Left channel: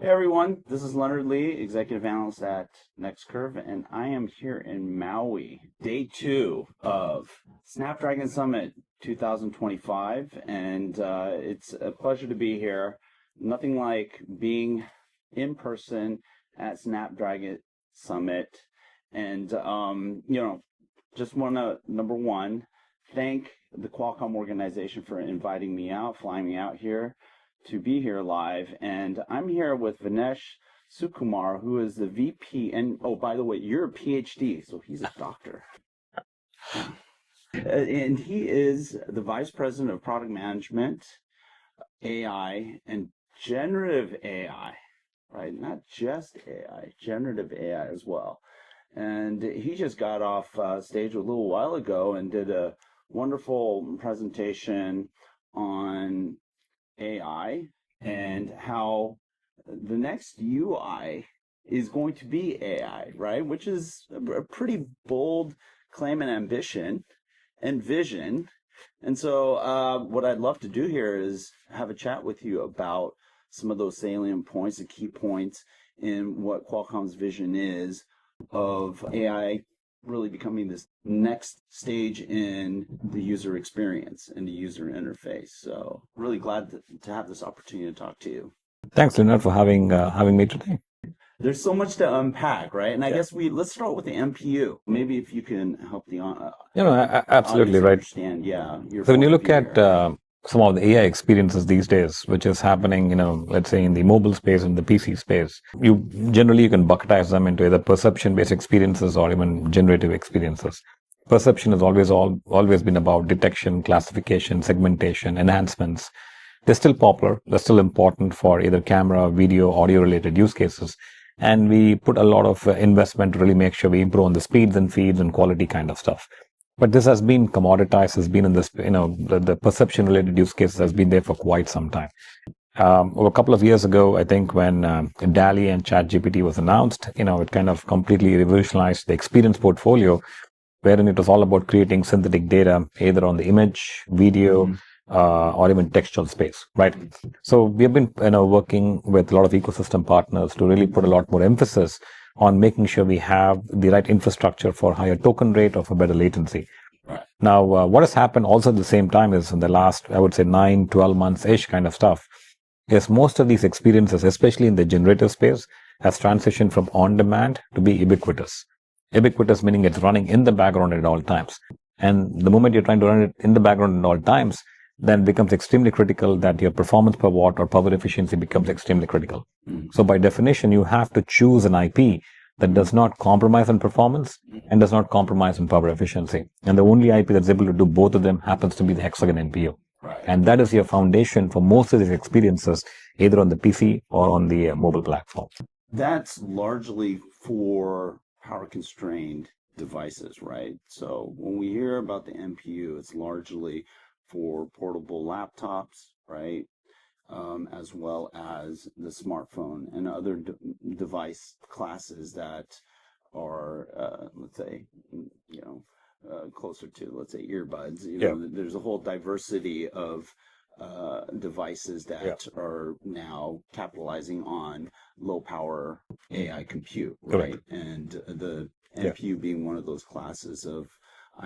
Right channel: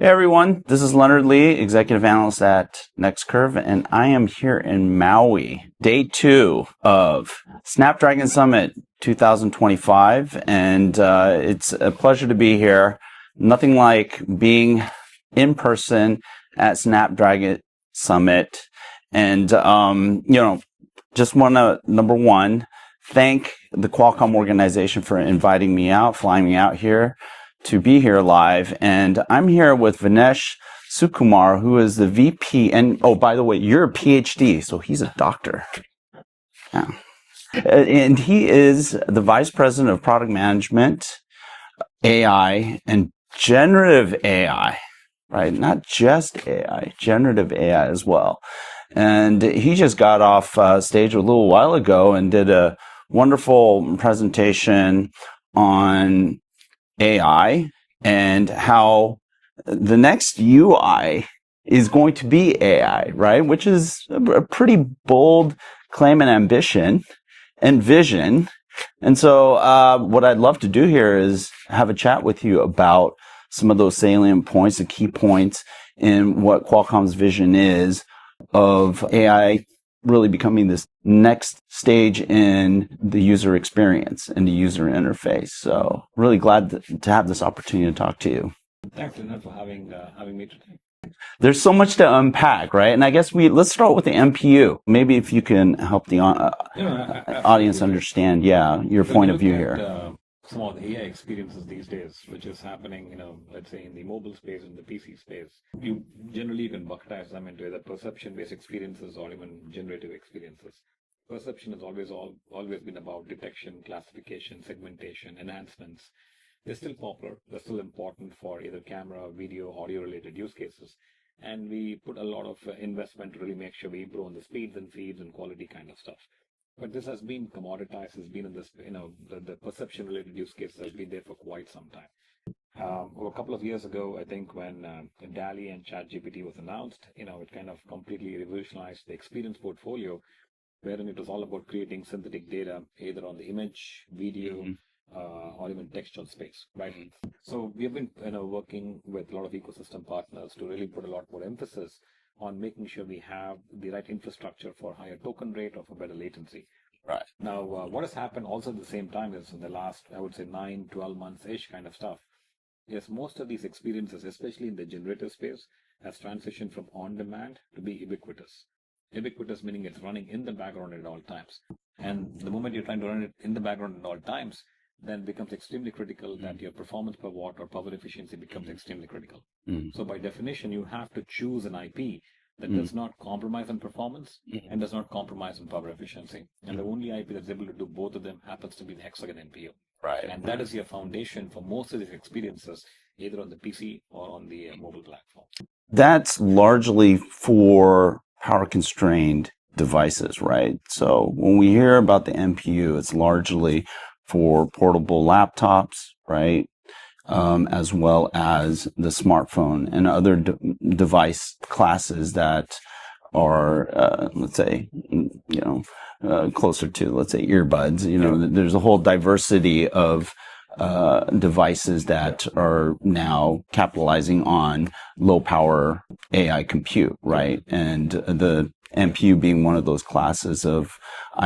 Hey everyone, this is Leonard Lee, Executive Analyst at NextCurve, and I am here in Maui, day 2 of Snapdragon Summit 2025, and it's a pleasure to be here. Nothing like being in person at Snapdragon Summit, and just want to, number one, thank the Qualcomm organization for inviting me out, flying me out here to be here live. And I'm here with Vinesh Sukumar, who is the VP. And oh, by the way, you're a PhD, so he's a doctor. Yeah. And he is the Vice President of Product Management, AI and Generative AI, right? Not just AI, Generative AI as well. And he just got off stage a little while ago and did a wonderful presentation on AI and how the next UI is going to be AI, right? Which is a pretty bold claim and ambition and vision. And so what I'd love to do here is have a chat with you about some of those salient points, the key points in what Qualcomm's vision is of AI really becoming this next stage in the user experience and the user interface. So really glad to have this opportunity to talk to you. Thanks, Leonard, for having me today. There's so much to unpack, right? And I guess let's start with the NPU. Maybe if you can help the audience understand, your point of view here. When you look at some of the AI experiences these days, which is happening, let's say in the mobile space and the PC space, you can bucketize them into either perception-based experiences or even generative experiences. Perception has always been about detection, classification, segmentation, enhancements. They're still popular. They're still important for either camera, video, audio-related use cases. And we put a lot of investment to really make sure we improve on the speeds and feeds and quality kind of stuff. But this has been commoditized, has been in this, the perception-related use cases has been there for quite some time. Over a couple of years ago, I think when DALL-E and ChatGPT was announced, it kind of completely revolutionized the experience portfolio, wherein it was all about creating synthetic data, either on the image, video, or even textual space, right? So we have been working with a lot of ecosystem partners to really put a lot more emphasis on making sure we have the right infrastructure for higher token rate or for better latency. Right. Now, what has happened also at the same time is in the last, I would say 9-12 months-ish kind of stuff, is most of these experiences, especially in the generative space, has transitioned from on-demand to be ubiquitous. Ubiquitous meaning it's running in the background at all times. And the moment you're trying to run it in the background at all times, then it becomes extremely critical that your performance per watt or power efficiency becomes extremely critical. So by definition, you have to choose an IP that does not compromise on performance and does not compromise on power efficiency. And the only IP that's able to do both of them happens to be the Hexagon NPU. Right. And that is your foundation for most of these experiences, either on the PC or on the mobile platform. That's largely for power-constrained devices, right? So when we hear about the NPU, it's largely for portable laptops, right? As well as the smartphone and other device classes that are, let's say, closer to, let's say, earbuds. There's a whole diversity of devices that are now capitalizing on low power AI compute, right? And the NPU being one of those classes of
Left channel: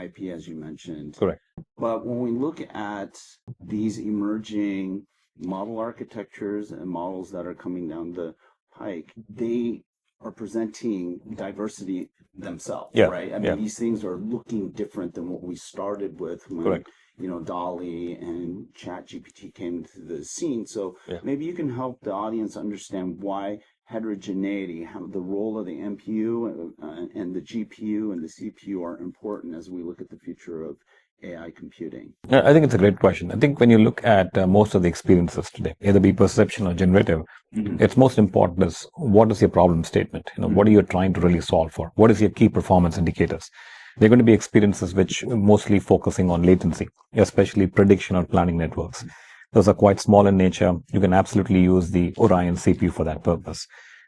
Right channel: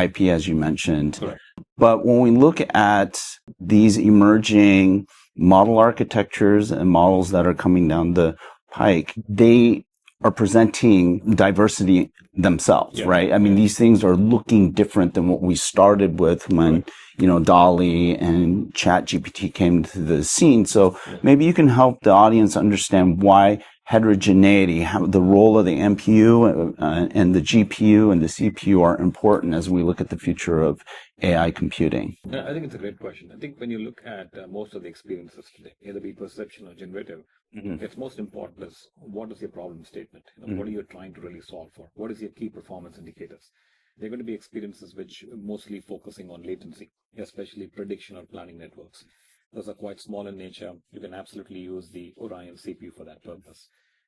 IP, as you mentioned. Correct. But when we look at these emerging model architectures and models that are coming down the pike, they are presenting diversity themselves, right? I mean, these things are looking different than what we started with when, DALL-E and ChatGPT came to the scene. So maybe you can help the audience understand why heterogeneity, how the role of the NPU and the GPU and the CPU are important as we look at the future of AI computing. I think it's a great question. I think when you look at most of the experiences today, either be perception or generative, it's most important is what is your problem statement? What are you trying to really solve for? What is your key performance indicators? They're going to be experiences which mostly focusing on latency, especially prediction or planning networks. Those are quite small in nature. You can absolutely use the Orion CPU for that purpose.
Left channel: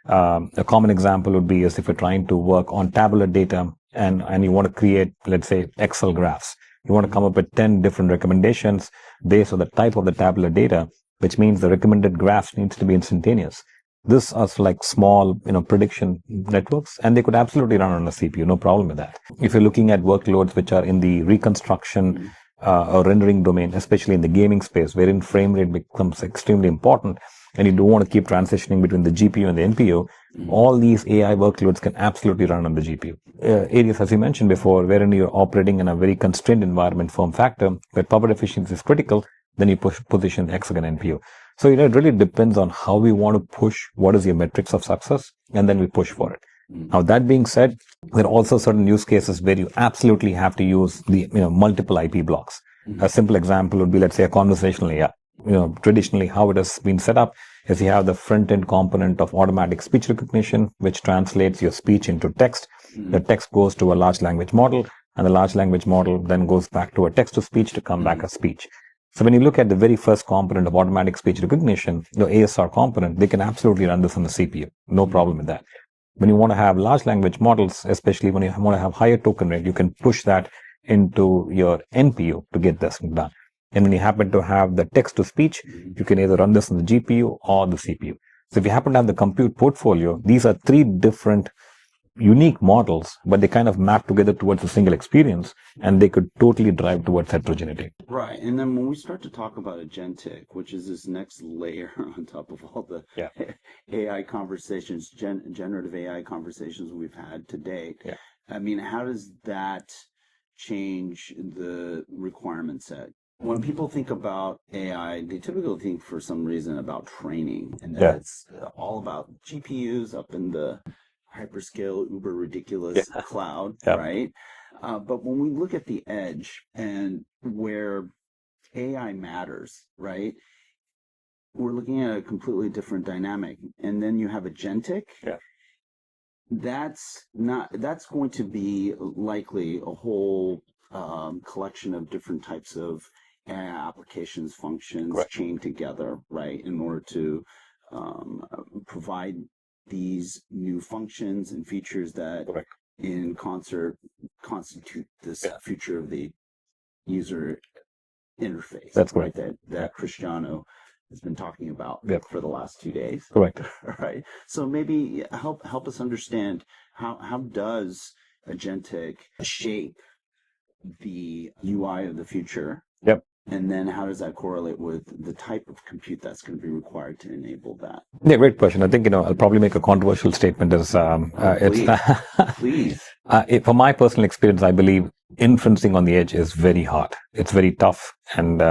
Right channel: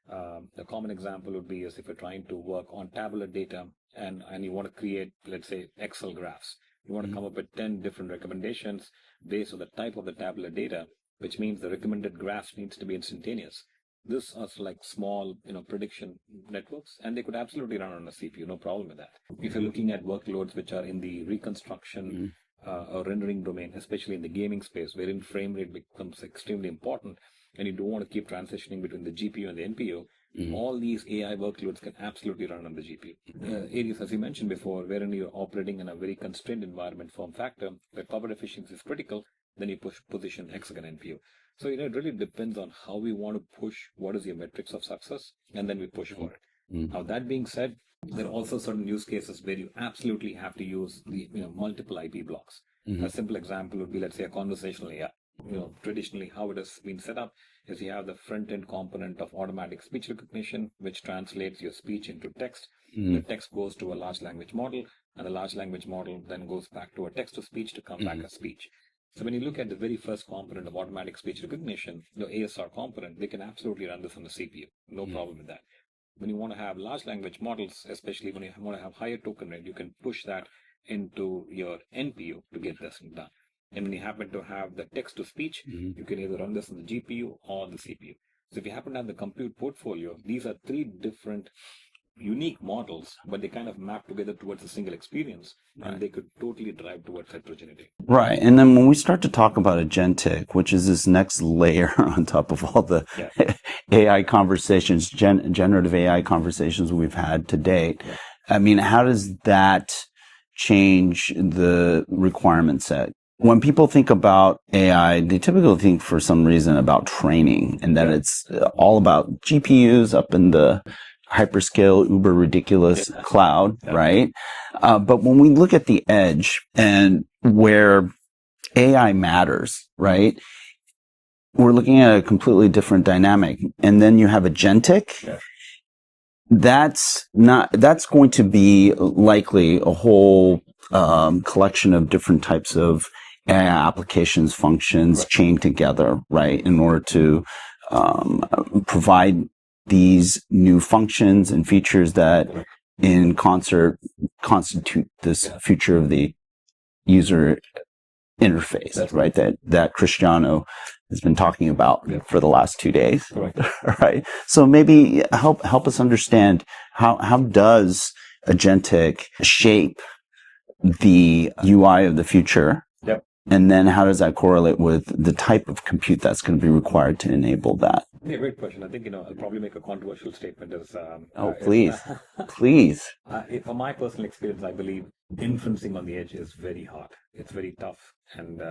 A common example would be as if you're trying to work on tabular data and you want to create, let's say, Excel graphs. You want to come up with 10 different recommendations based on the type of the tabular data, which means the recommended graphs needs to be instantaneous. This are like small, prediction networks, and they could absolutely run on a CPU, no problem with that. If you're looking at workloads which are in the reconstruction or rendering domain, especially in the gaming space, wherein frame rate becomes extremely important, and you don't want to keep transitioning between the GPU and the NPU, all these AI workloads can absolutely run on the GPU. Areas, as you mentioned before, wherein you're operating in a very constrained environment, form factor, where power efficiency is critical, then you position hexagon NPU. So, it really depends on how we want to push, what is your metrics of success, and then we push for it. Now, that being said, there are also certain use cases where you absolutely have to use the multiple IP blocks. A simple example would be, let's say, a conversational AI. Traditionally, how it has been set up is you have the front-end component of automatic speech recognition, which translates your speech into text. The text goes to a large language model, and the large language model then goes back to a text-to-speech to come back as speech. So when you look at the very first component of automatic speech recognition, the ASR component, they can absolutely run this on the CPU. No problem with that. When you want to have large language models, especially when you want to have higher token rate, you can push that into your NPU to get this done. And when you happen to have the text to speech, you can either run this on the GPU or the CPU. So if you happen to have the compute portfolio, these are three different unique models, but they kind of map together towards a single experience, and they could totally drive towards heterogeneity. Right. And then when we start to talk about agentic, which is this next layer on top of all the AI conversations, generative AI conversations we've had to date, I mean, how does that change the requirement set? When people think about AI, they typically think for some reason about training, and that it's all about GPUs up in the hyperscale, uber ridiculous cloud, right? But when we look at the edge and where AI matters, right? We're looking at a completely different dynamic. And then you have agentic. That's going to be likely a whole collection of different types of AI applications, functions chained together, right? In order to provide these new functions and features that in concert constitute this future of the user interface. That's right. That Cristiano has been talking about for the last 2 days. Correct. Right. So maybe help us understand how does agentic shape the UI of the future? Yep. And then how does that correlate with the type of compute that's going to be required to enable that? Yeah, great question. I think, I'll probably make a controversial statement Please. From my personal experience, I believe inferencing on the edge is very hard. It's very tough and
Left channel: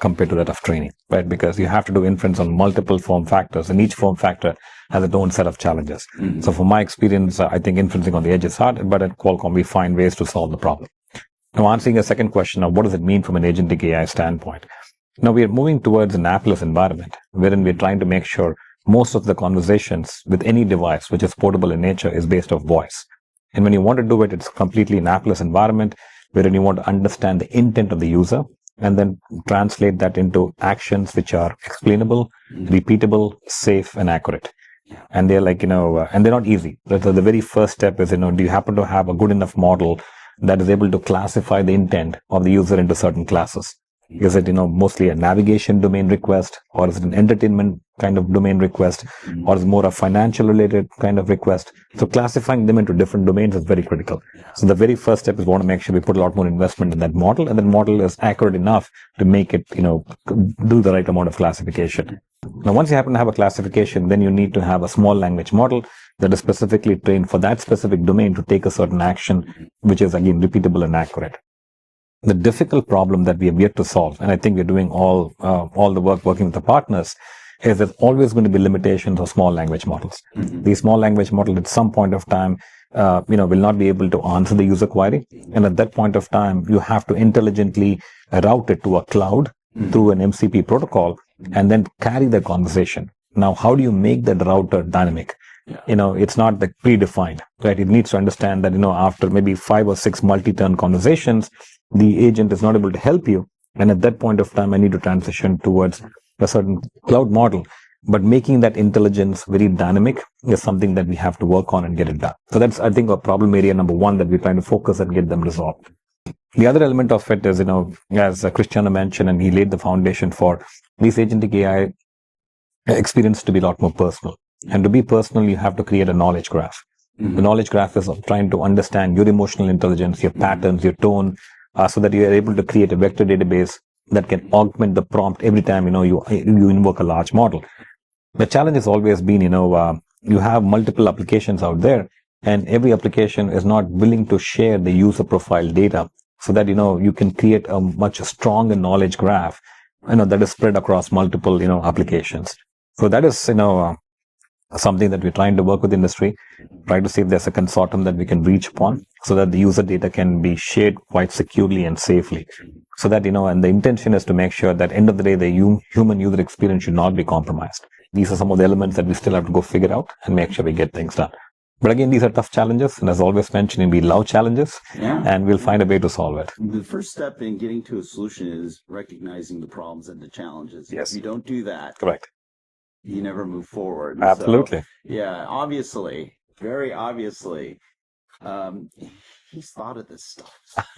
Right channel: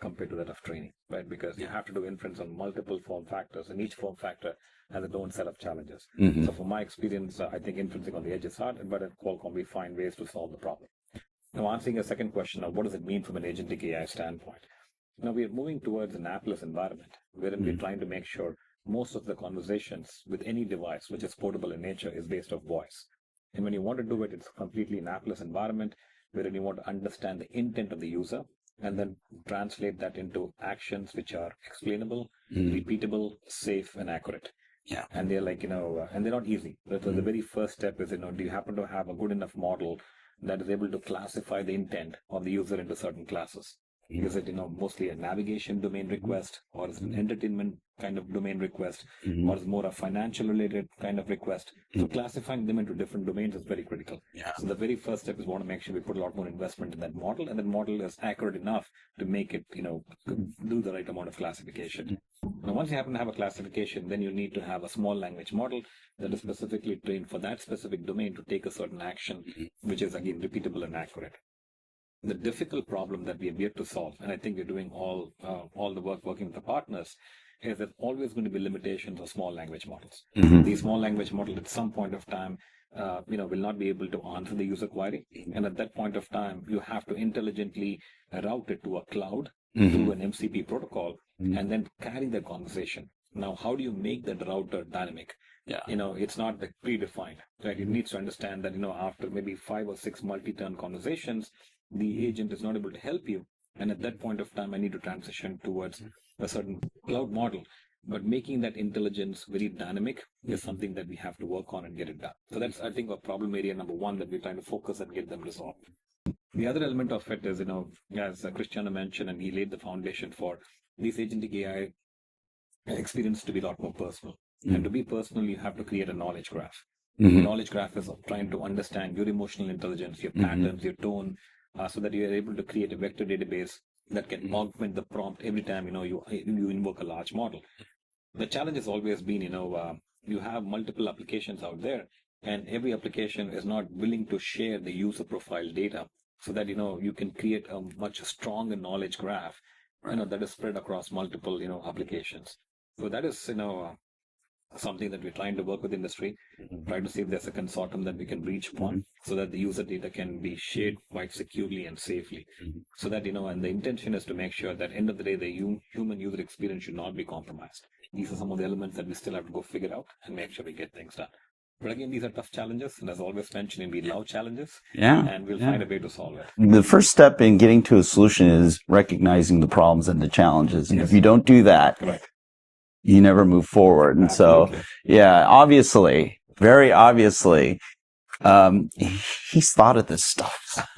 compared to that of training, right? Because you have to do inference on multiple form factors, and each form factor has its own set of challenges. So from my experience, I think inferencing on the edge is hard, but at Qualcomm, we find ways to solve the problem. Now, answering a second question of what does it mean from an agentic AI standpoint? Now, we are moving towards an appless environment, wherein we're trying to make sure most of the conversations with any device, which is portable in nature, is based off voice. And when you want to do it, it's completely an appless environment, wherein you want to understand the intent of the user and then translate that into actions which are explainable, repeatable, safe, and accurate. Yeah. And they're like, and they're not easy. So the very first step is, do you happen to have a good enough model that is able to classify the intent of the user into certain classes? Is it, mostly a navigation domain request, or is it an entertainment kind of domain request, or is it more a financial related kind of request? So classifying them into different domains is very critical. So the very first step is we want to make sure we put a lot more investment in that model, and that model is accurate enough to make it, do the right amount of classification. Now, once you happen to have a classification, then you need to have a small language model that is specifically trained for that specific domain to take a certain action, which is again repeatable and accurate. The difficult problem that we have yet to solve, and I think we're doing all the work working with the partners, is there's always going to be limitations of small language models. These small language models at some point of time, will not be able to answer the user query. And at that point of time, you have to intelligently route it to a cloud through an MCP protocol and then carry the conversation. Now, how do you make that router dynamic? It's not like predefined, right? It needs to understand that, after maybe 5 or 6 multi-turn conversations, the agent is not able to help you. And at that point of time, I need to transition towards a certain cloud model. But making that intelligence very dynamic is something that we have to work on and get it done. So that's, I think, a problem area number one that we're trying to focus and get them resolved. The other element of it is, as Cristiano mentioned, and he laid the foundation for these agentic AI experience to be a lot more personal. And to be personal, you have to create a knowledge graph. The knowledge graph is trying to understand your emotional intelligence, your patterns, your tone, so that you are able to create a vector database that can augment the prompt every time you invoke a large model. The challenge has always been, you have multiple applications out there, and every application is not willing to share the user profile data so that, you can create a much stronger knowledge graph, that is spread across multiple, applications. So that is, something that we're trying to work with industry, try to see if there's a consortium that we can reach upon so that the user data can be shared quite securely and safely. So that, and the intention is to make sure that end of the day, the human user experience should not be compromised. These are some of the elements that we still have to go figure out and make sure we get things done. But again, these are tough challenges. And as always mentioned, we love challenges and we'll find a way to solve it. The first step in getting to a solution is recognizing the problems and the challenges. And if you don't do that, correct, you never move forward. And absolutely. So, obviously, very obviously, he's thought of this stuff.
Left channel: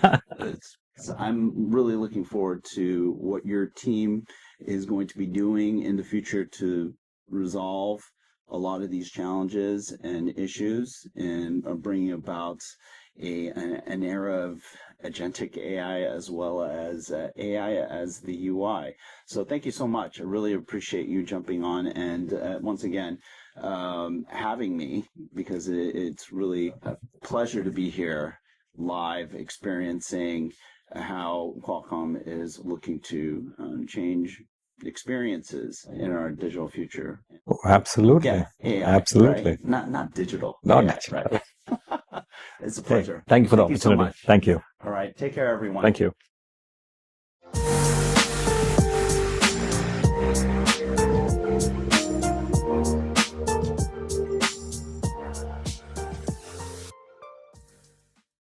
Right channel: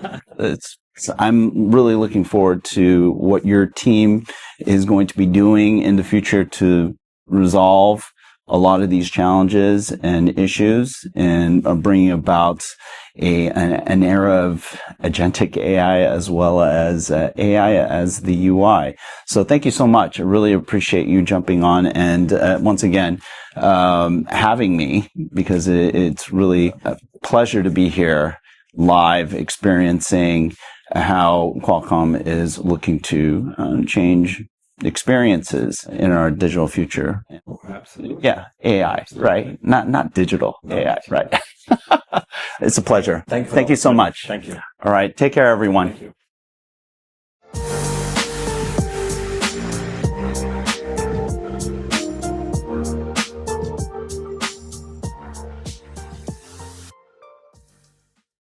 I'm really looking forward to what your team is going to be doing in the future to resolve a lot of these challenges and issues and bringing about an era of agentic AI as well as AI as the UI. So thank you so much. I really appreciate you jumping on and once again having me, because it's really a pleasure to be here live experiencing how Qualcomm is looking to change experiences in our digital future. Oh, absolutely. Yeah, AI, absolutely. right? Not digital. No, AI, right? It's a pleasure. Thank you so much. Thank you. All right. Take care, everyone. Thank you.